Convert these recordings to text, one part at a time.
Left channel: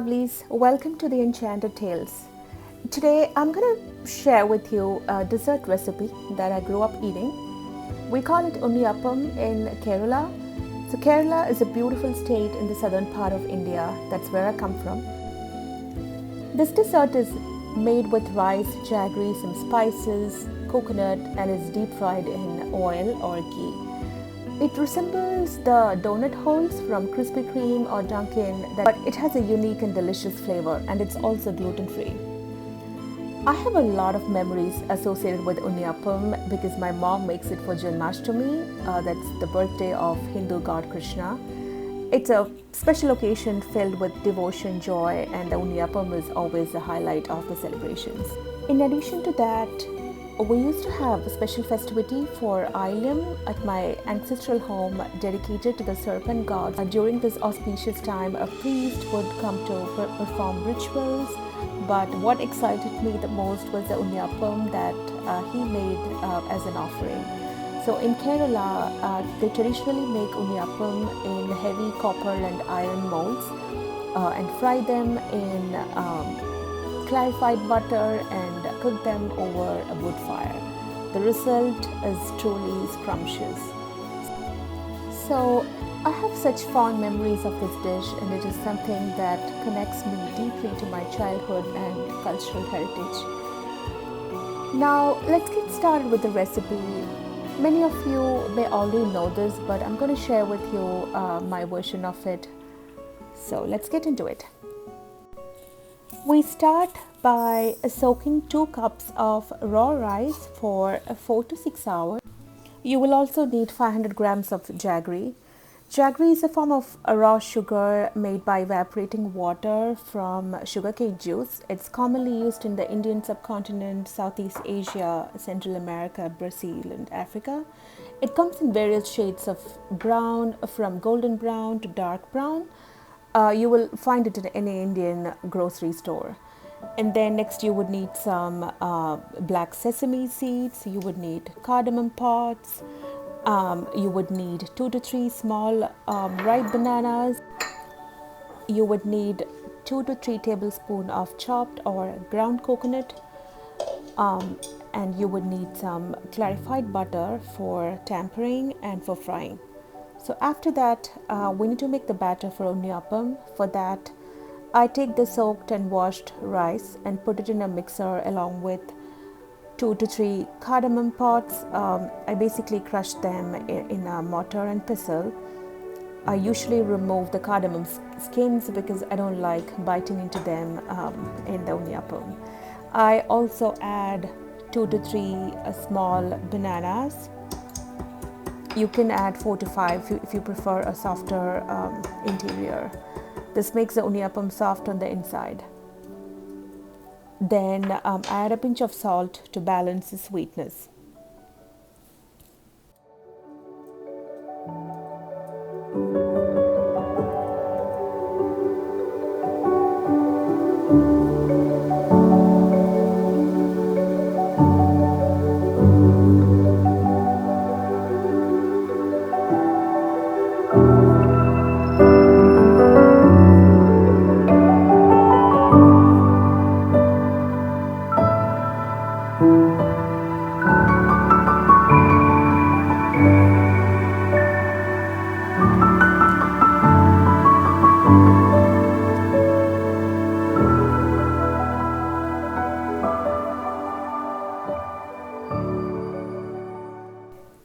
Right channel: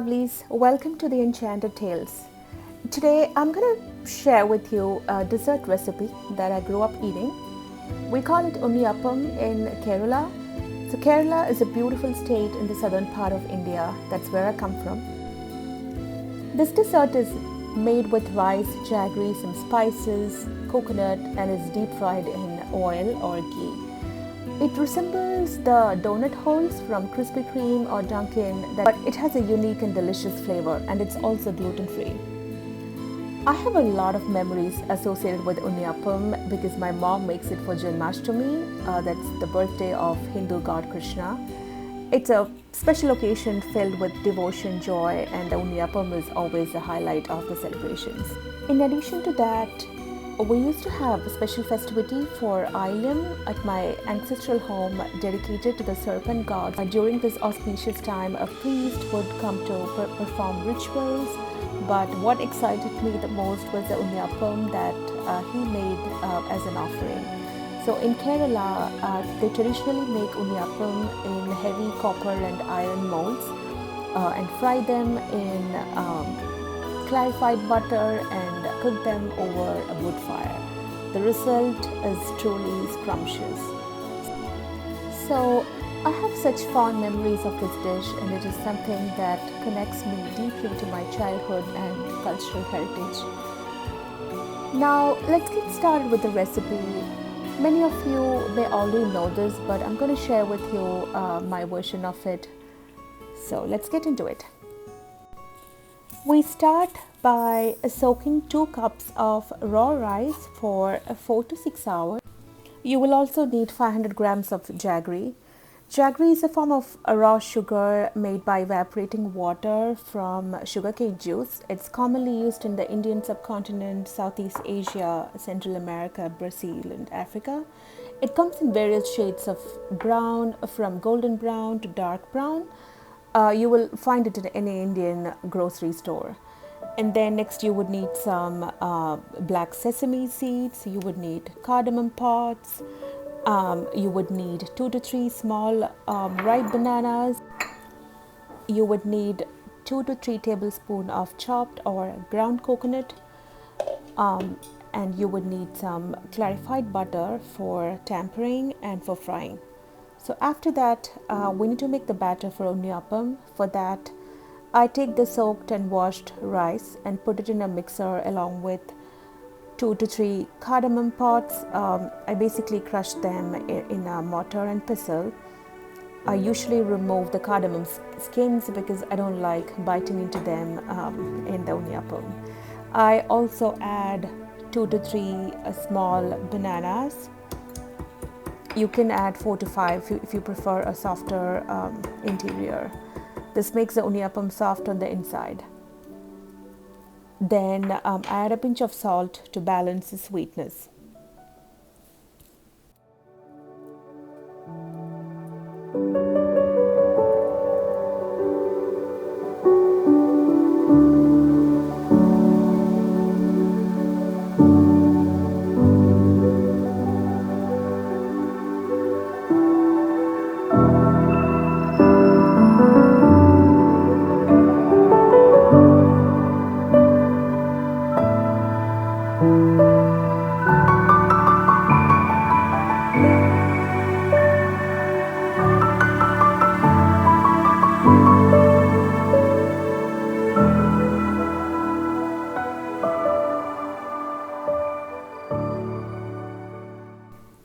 lovelies, welcome to the Enchanted Tales. Today I'm going to share with you a dessert recipe that I grew up eating. We call it Unniyappam in Kerala. So Kerala is a beautiful state in the southern part of India. That's where I come from. This dessert is made with rice, jaggery, some spices, coconut, and is deep fried in oil or ghee. It resembles the donut holes from Krispy Kreme or Dunkin', but it has a unique and delicious flavor, and it's also gluten-free. I have a lot of memories associated with Unniyappam because my mom makes it for Janmashtami, that's the birthday of Hindu god Krishna. It's a special occasion filled with devotion, joy, and the Unniyappam is always the highlight of the celebrations. In addition to that, we used to have a special festivity for Ailam at my ancestral home dedicated to the serpent gods. During this auspicious time, a priest would come to perform rituals, but what excited me the most was the Unniyappam that he made as an offering. So in Kerala, they traditionally make Unniyappam in heavy copper and iron molds and fry them in clarified butter and cook them over a wood fire. The result is truly scrumptious. So I have such fond memories of this dish, and it is something that connects me deeply to my childhood and cultural heritage. Now let's get started with the recipe. Many of you may already know this, but I'm going to share with you my version of it. So let's get into it. We start by soaking 2 cups of raw rice for 4 to 6 hours. You will also need 500 grams of jaggery. Jaggery is a form of raw sugar made by evaporating water from sugarcane juice. It's commonly used in the Indian subcontinent, Southeast Asia, Central America, Brazil, and Africa. It comes in various shades of brown, from golden brown to dark brown. You will find it in any Indian grocery store. And then next you would need some black sesame seeds, you would need cardamom pods, you would need 2 to 3 small ripe bananas, you would need 2 to 3 tablespoons of chopped or ground coconut, and you would need some clarified butter for tempering and for frying. So after that, we need to make the batter for Unniyappam. For that, I take the soaked and washed rice and put it in a mixer along with 2 to 3 cardamom pods. I basically crush them in a mortar and pestle. I usually remove the cardamom skins because I don't like biting into them in the Unniyappam. I also add 2 to 3 small bananas. You can add 4 to 5 if you prefer a softer interior. This makes the Unniyappam soft on the inside. Then add a pinch of salt to balance the sweetness.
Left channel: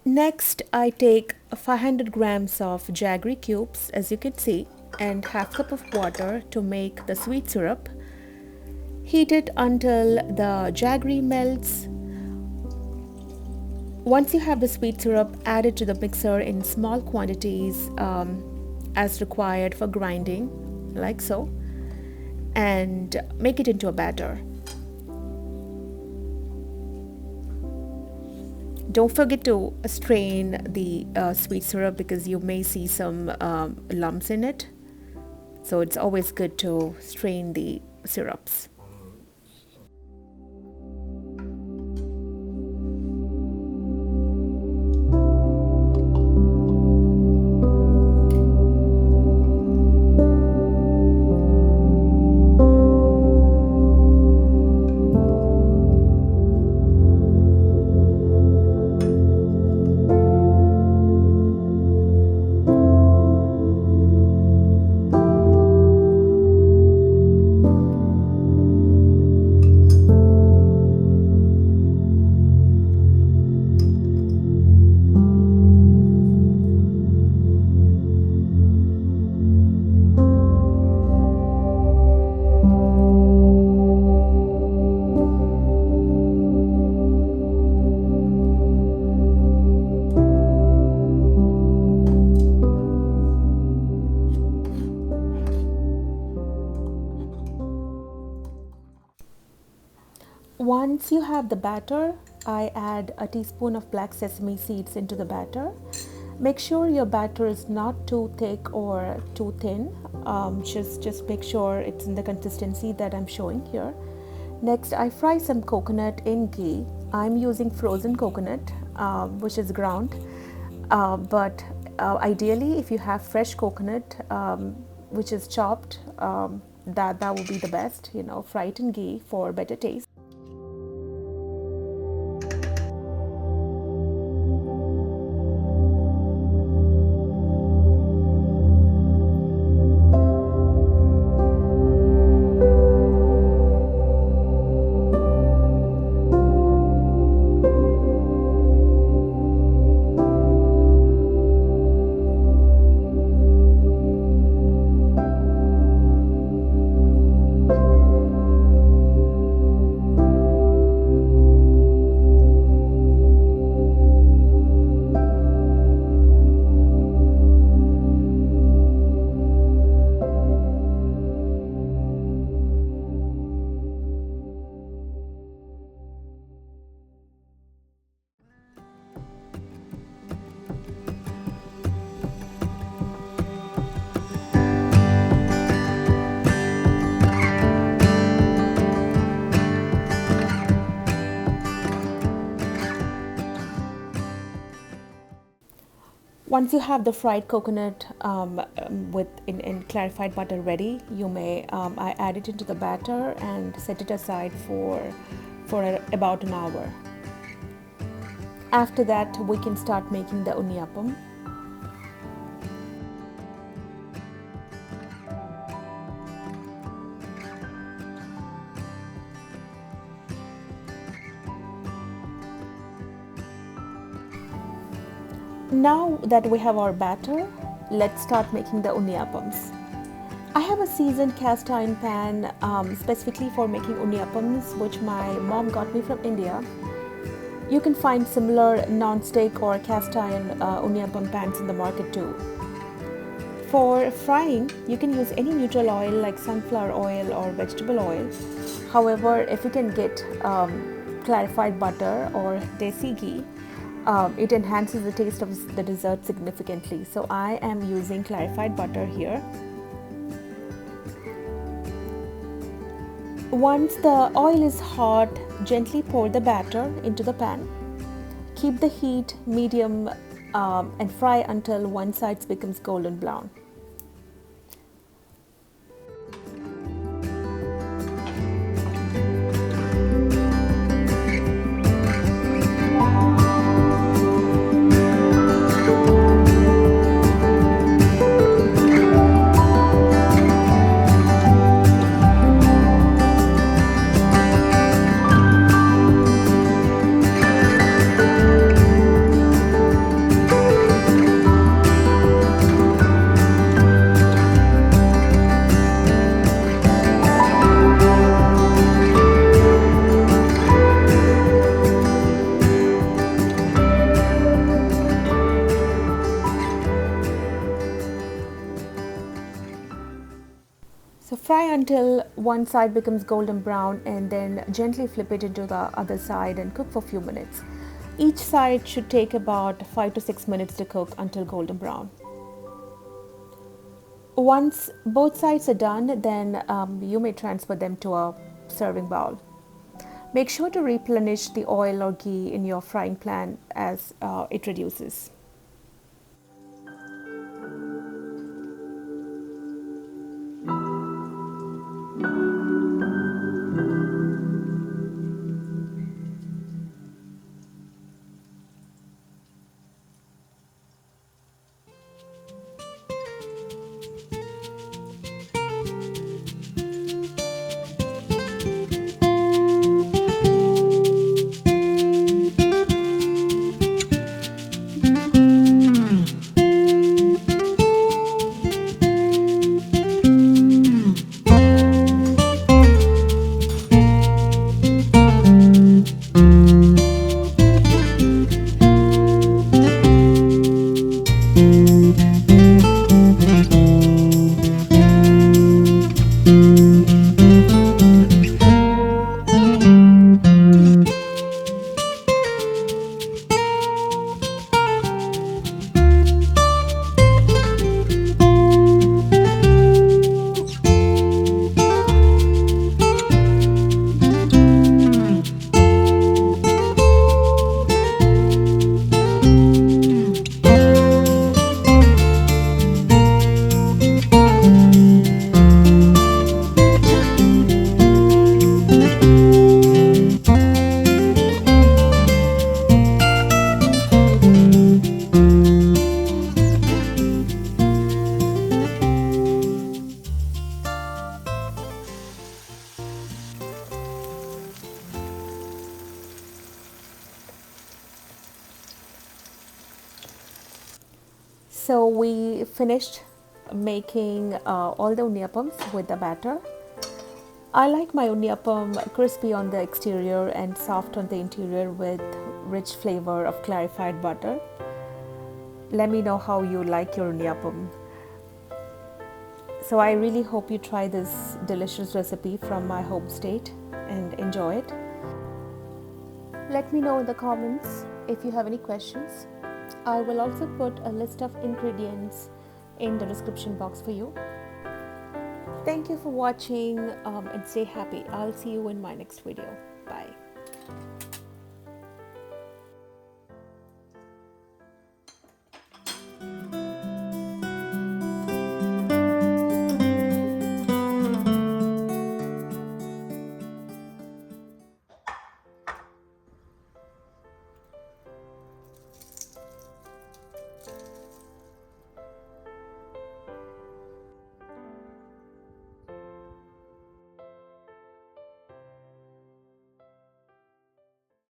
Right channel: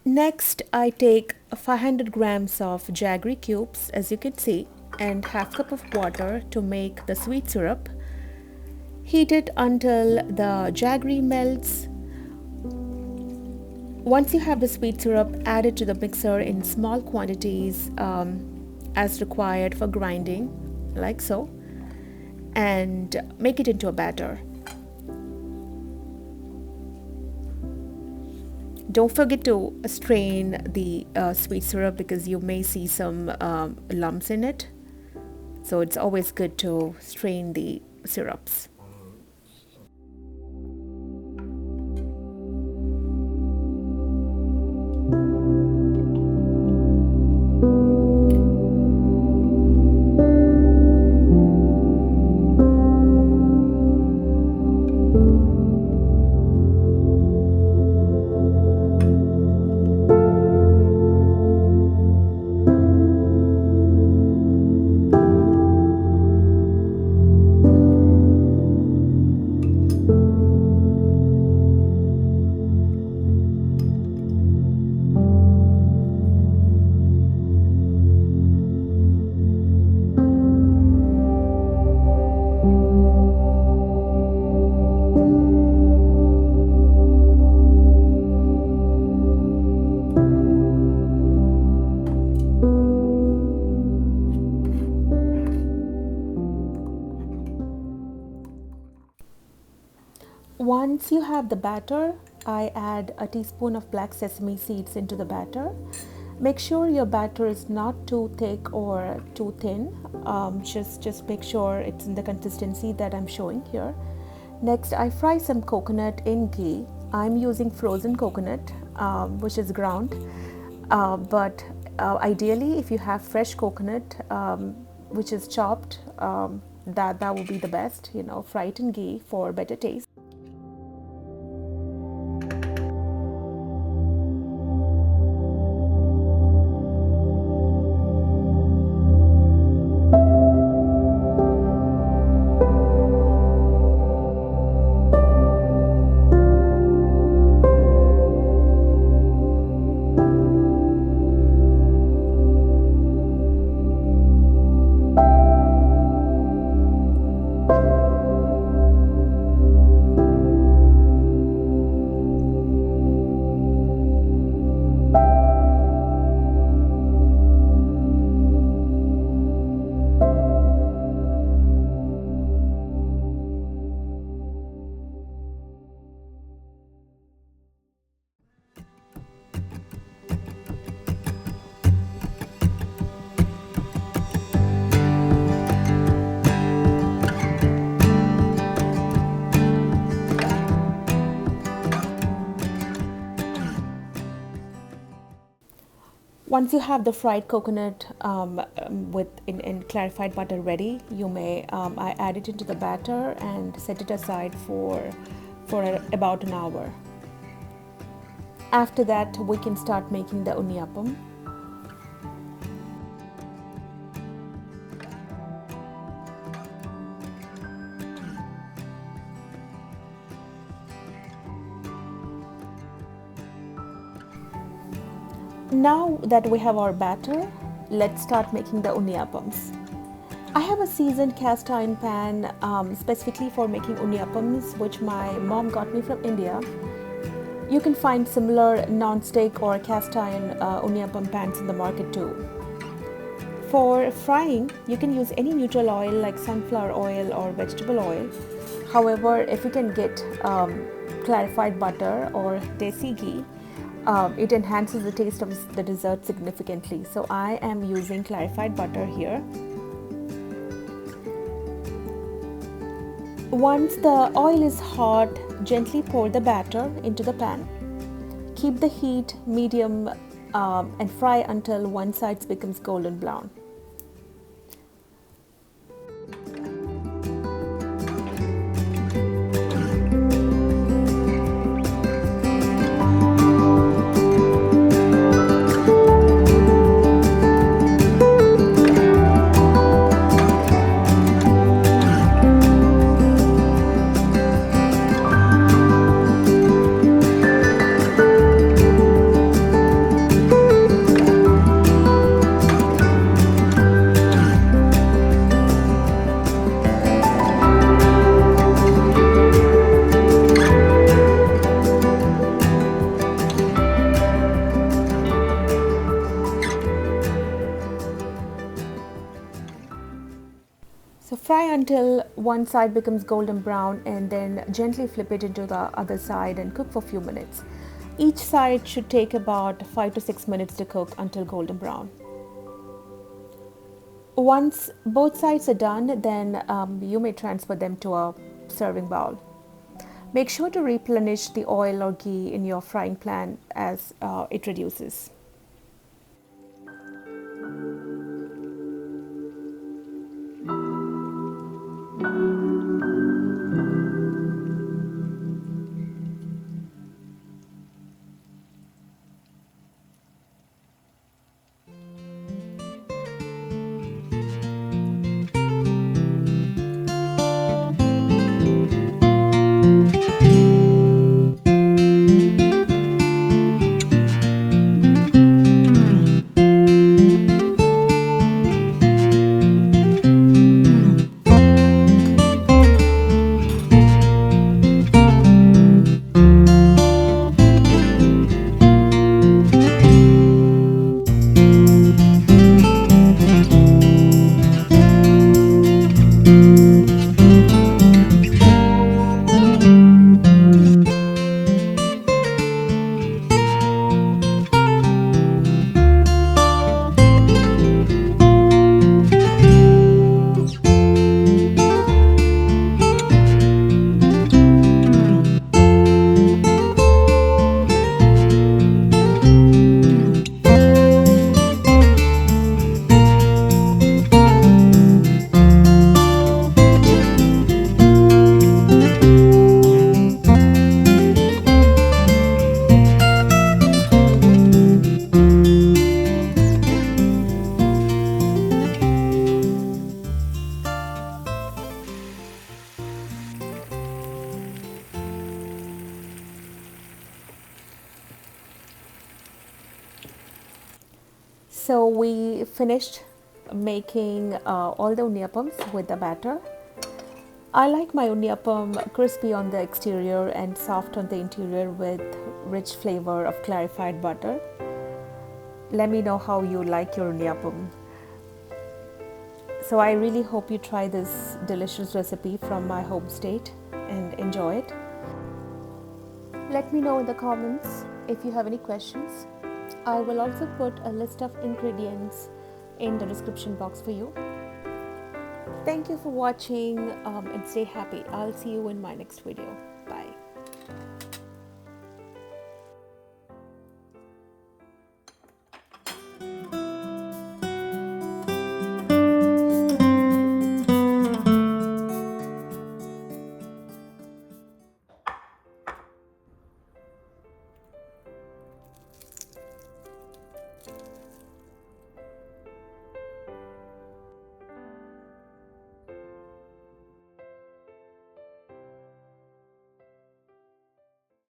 Next, I take 500 grams of jaggery cubes, as you can see, and half cup of water to make the sweet syrup. Heat it until the jaggery melts. Once you have the sweet syrup, add it to the mixer in small quantities as required for grinding, like so, and make it into a batter. Don't forget to strain the sweet syrup because you may see some lumps in it. So it's always good to strain the syrups. Once you have the batter, I add a teaspoon of black sesame seeds into the batter. Make sure your batter is not too thick or too thin. Just make sure it's in the consistency that I'm showing here. Next, I fry some coconut in ghee. I'm using frozen coconut, which is ground. But ideally, if you have fresh coconut, which is chopped, that would be the best. Fry it in ghee for better taste. Once you have the fried coconut in clarified butter ready, you may I add it into the batter and set it aside for about an hour. After that, we can start making the unniyappam. Now that we have our batter, let's start making the unniyappams. I have a seasoned cast iron pan specifically for making unniyappams, which my mom got me from India. You can find similar non-stick or cast iron unniyappam pans in the market too. For frying, you can use any neutral oil like sunflower oil or vegetable oil. However, if you can get clarified butter or Desi Ghee, it enhances the taste of the dessert significantly. So I am using clarified butter here. Once the oil is hot, gently pour the batter into the pan. Keep the heat medium and fry until one side becomes golden brown. So fry until one side becomes golden brown and then gently flip it into the other side and cook for a few minutes. Each side should take about 5 to 6 minutes to cook until golden brown. Once both sides are done, then you may transfer them to a serving bowl. Make sure to replenish the oil or ghee in your frying pan as it reduces. So we finished making all the unniyappams with the batter. I like my unniyappam crispy on the exterior and soft on the interior with rich flavor of clarified butter. Let me know how you like your unniyappam. So I really hope you try this delicious recipe from my home state and enjoy it. Let me know in the comments if you have any questions. I will also put a list of ingredients in the description box for you. Thank you for watching and stay happy. I'll see you in my next video. Bye.